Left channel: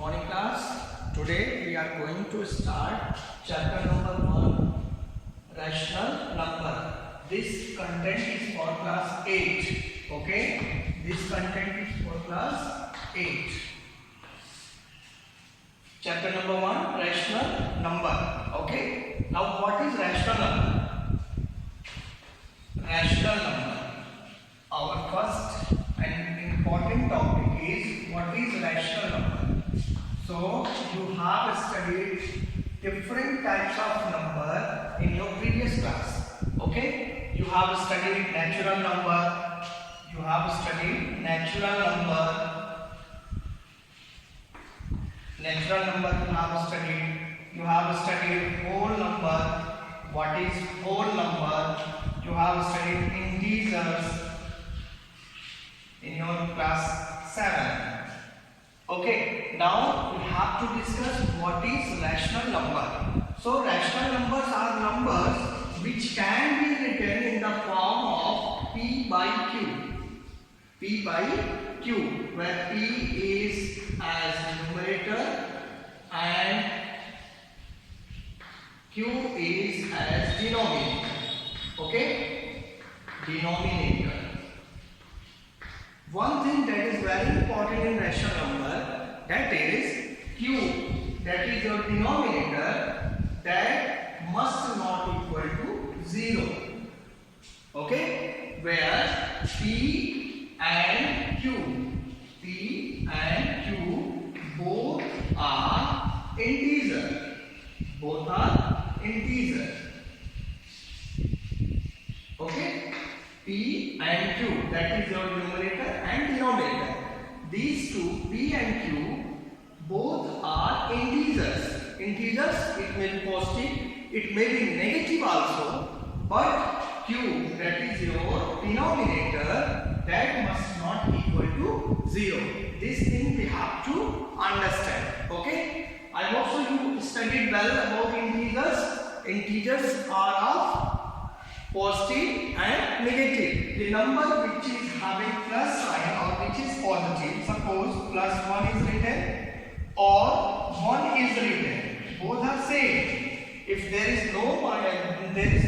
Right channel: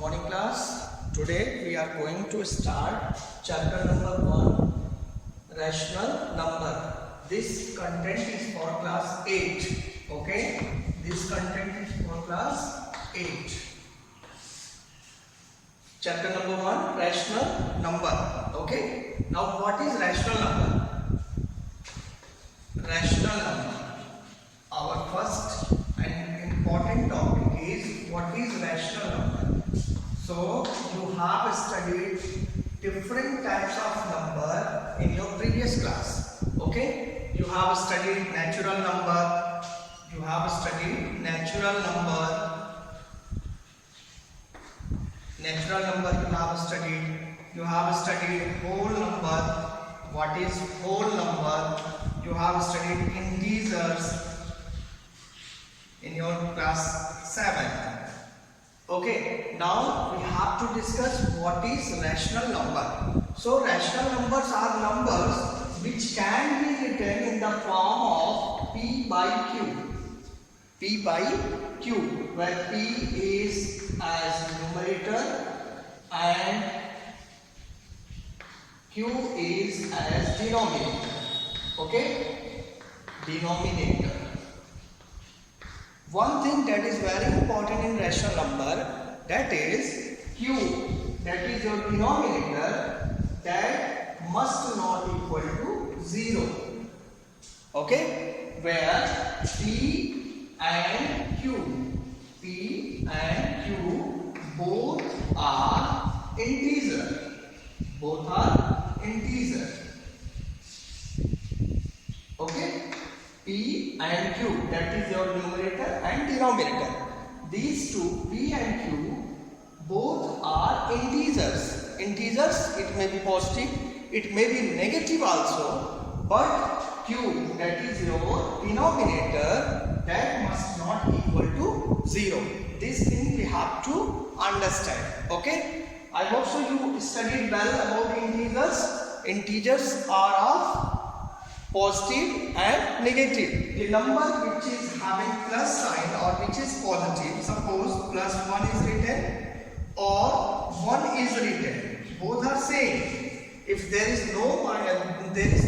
morning class. Today we are going to start chapter number 1, rational number. This content is for class 8. Okay, this content is for class 8. Chapter number 1, rational number. Okay, now what is rational number? Rational number, our first and important topic is what is rational number. So you have studied different types of number in your previous class. Okay, you have studied natural number, you have studied natural number you have studied whole number. What is whole number? You have studied integers in your class 7. Okay, now we have to discuss what is rational number. So rational numbers are numbers which can be written in the form of P by Q. P by Q, where P is as numerator and Q is as denominator. Okay, denominator. One thing that is very important in rational number, that is Q, that is your denominator, that must not equal to 0. Okay, where P and Q both are integer. Both are integer. Okay, P and Q, that is your numerator and denominator. These two, P and Q, both are integers. Integers, it may be positive, it may be negative also, but Q, that is your denominator, that must not equal to 0. This thing we have to understand. Okay, I hope so you studied well about integers. Integers are of positive and negative. The number which is having plus sign or which is positive, suppose plus 1 is written or 1 is written, both are same. If there is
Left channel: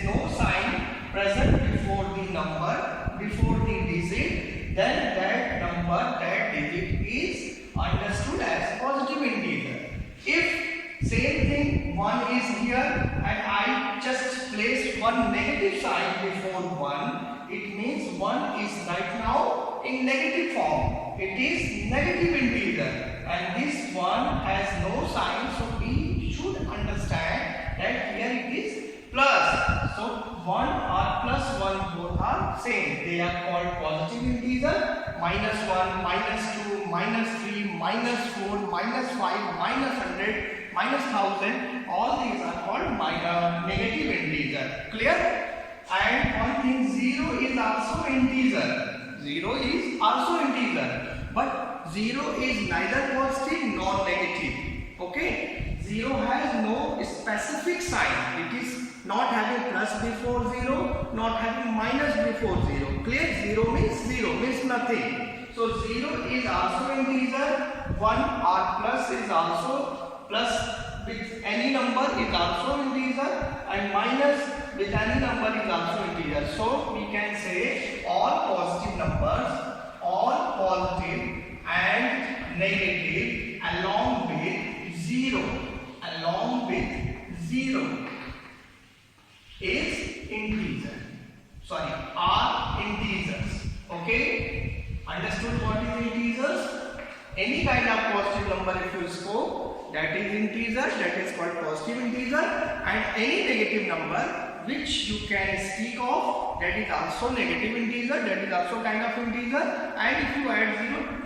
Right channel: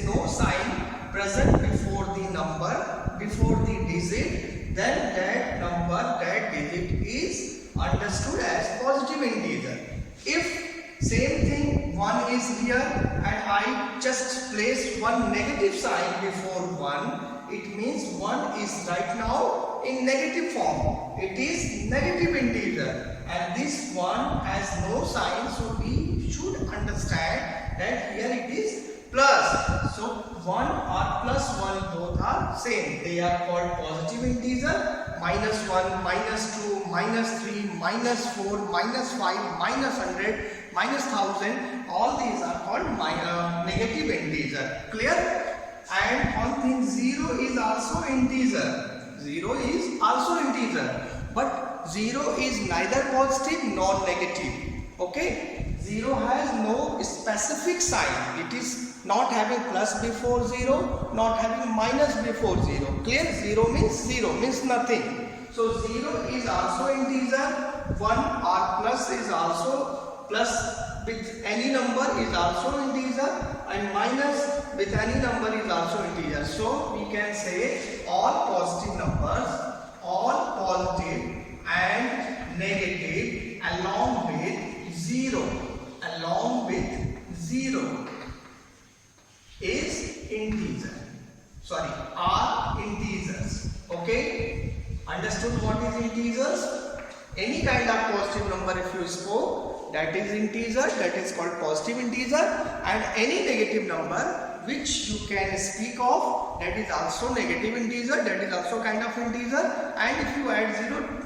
no sign present before the number, before the digit, then that number, that digit is understood as positive integer. If same thing 1 is here and I just placed one negative sign before 1, it means 1 is right now in negative form. It is negative integer and this one has no sign, so we should understand that here it is plus. So 1 or plus 1 both are same. They are called positive integer. Minus 1, minus 2, minus 3, minus 4, minus 5, minus 100, minus 1000. All these are called negative integer. Clear? And one thing, 0 is also integer. 0 is also integer. But 0 is neither positive nor negative. Okay? 0 has no specific sign. It is not having plus before 0, not having minus before 0. Clear? 0 means nothing. So 0 is also integer. 1 or plus is also plus with any number is also integer, and minus with any number is also integer. So we can say all positive numbers, all positive and negative along with 0 is integer. Are integers. Okay, understood what is integers? Any kind of positive number if you spoke, that is integer, that is called positive integer, and any negative number which you can speak of, that is also negative integer, that is also kind of integer, and if you add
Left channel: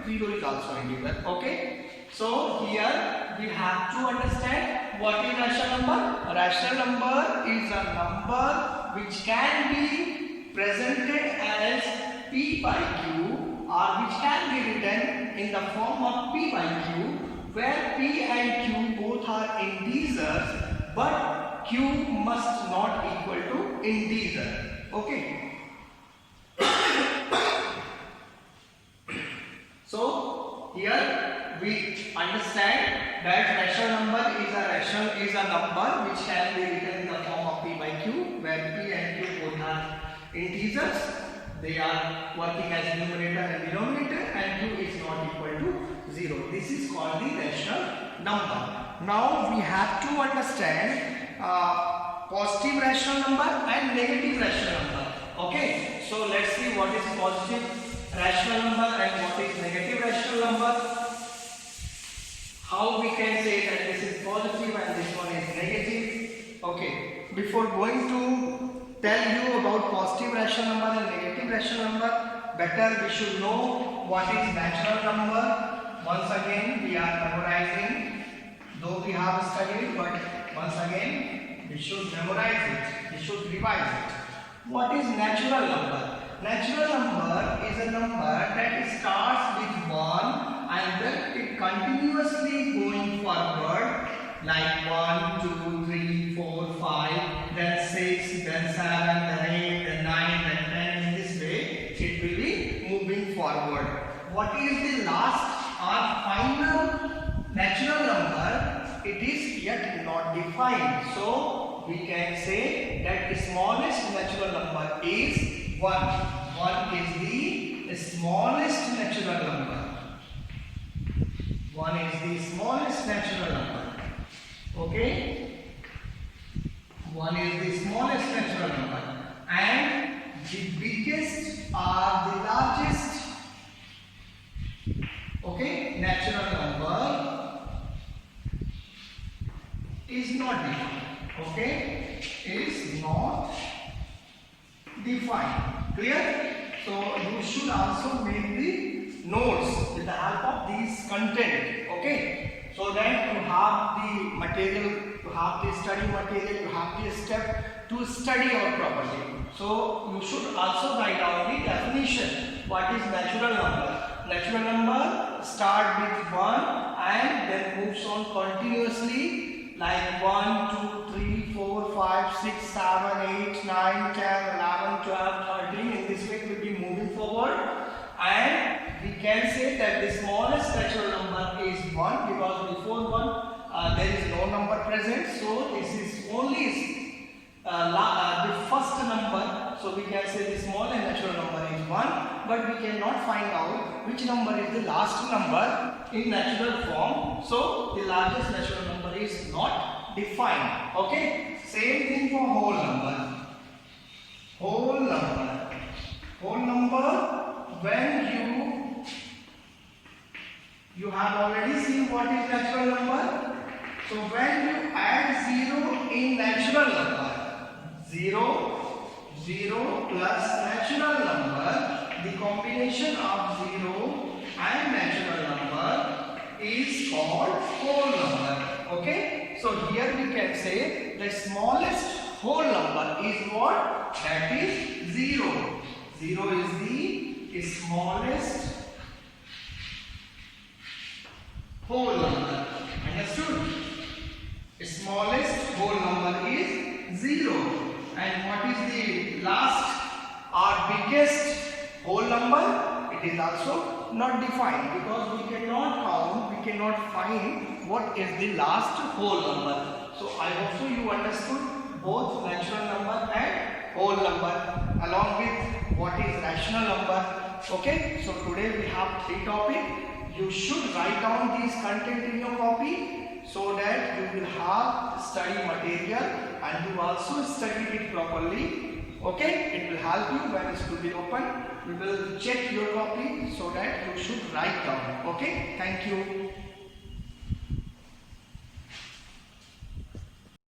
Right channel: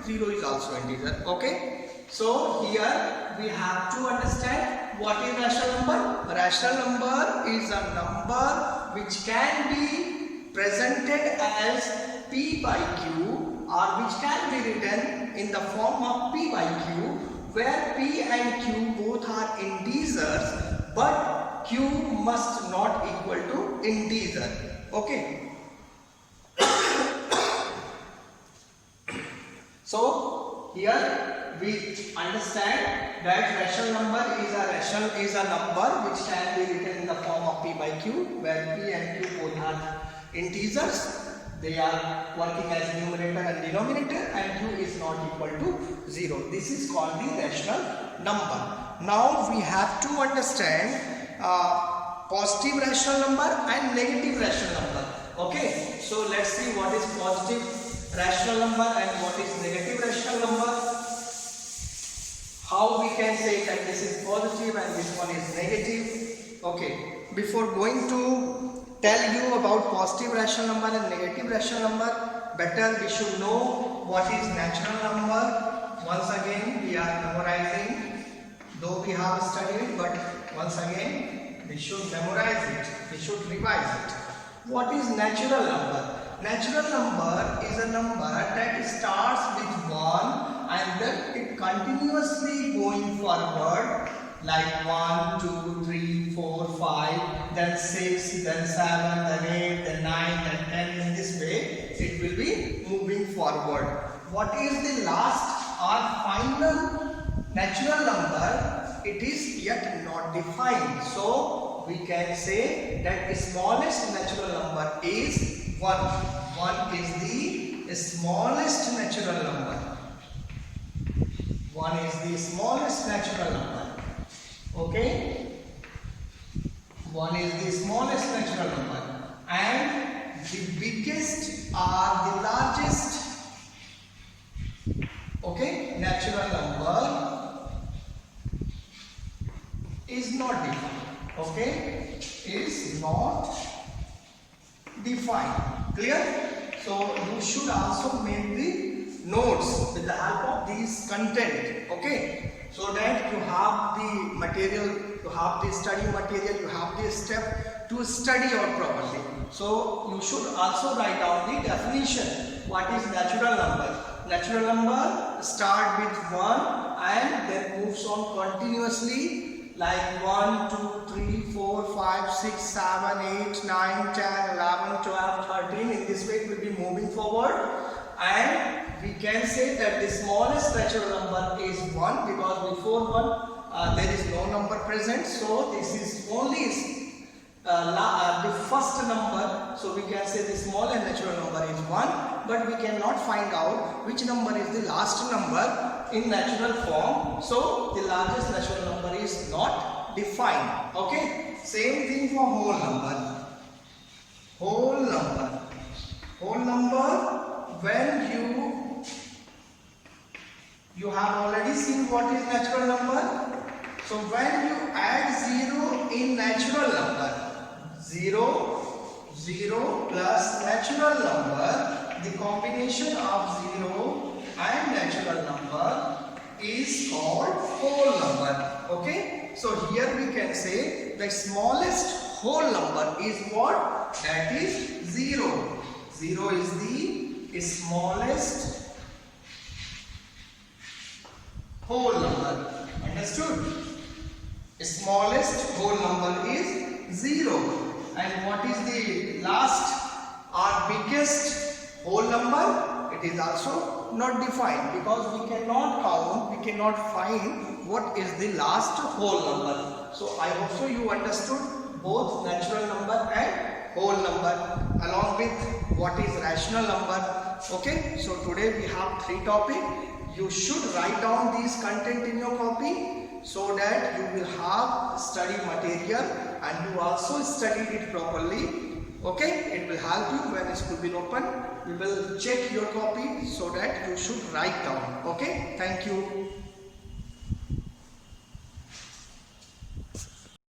0 is also integer. Okay, so here we have to understand what is rational number. Rational number is a number which can be presented as P by Q or which can be written in the form of P by Q, where P and Q both are integers, but Q must not equal to integer. Okay. So here we understand that rational number is a number which can be written in the form of p by q, where p and q both are integers. They are working as numerator and denominator, and q is not equal to 0. This is called the rational number. Now we have to understand positive rational number and negative rational number. Okay, so let's see what is positive rational number and what is negative rational number. How we can say that this is positive and this one is negative. Okay, before going to tell you about positive rational number and negative rational number, better we should know what is natural number. Once again we are memorizing, though we have studied, but once again we should memorize it, we should revise it. What is natural number? Natural number is a number that starts with 1 and then it continuously going forward, like 1, 2, 3, 4, 5, then 6, then 7, then 8, then 9, then 10. In this way it will be moving forward. What is the last or final natural number? It is yet not defined. So we can say that the smallest natural number is 1. 1 is the smallest natural number. 1 is the smallest natural number. Okay? 1 is the smallest natural number. And the biggest or the largest, okay, natural number is not defined. Okay? Is not defined. Clear? So you should also make the notes with the help of these content. Okay? So that you have the material, you have the study material, you have the step to study out properly. So you should also write down the definition. What is natural number? Natural number start with 1 and then moves on continuously, like 1, 2, 3, 4, 5, 6, 7, 8, 9, 10, 11, 12, 13. In this way it will be moving forward. And we can say that the smallest natural number is 1, because before 1 there is no number present. So this is only the first number. So we can say the smallest natural number is 1, but we cannot find out which number is the last number in natural form. So the largest natural number is not defined. Okay, same thing for whole number. Whole number. Whole number, when you have already seen what is natural number. So when you add 0 in natural number, 0 plus natural number, the combination of 0 and natural number is called whole number. Okay, so here we can say the smallest whole number is what? That is 0. 0 is the smallest whole number. Understood? Smallest whole number is 0. And what is the last or biggest whole number? It is also not defined, because we cannot count, we cannot find what is the last whole number. So I hope so you understood both natural number and whole number, along with what is rational number. Okay, so today we have 3 topics. You should write down these content in your copy, so that you will have study material and you also studied it properly. Okay, it will help you when school will open. We will check your copy so that you should write down. Okay, thank you.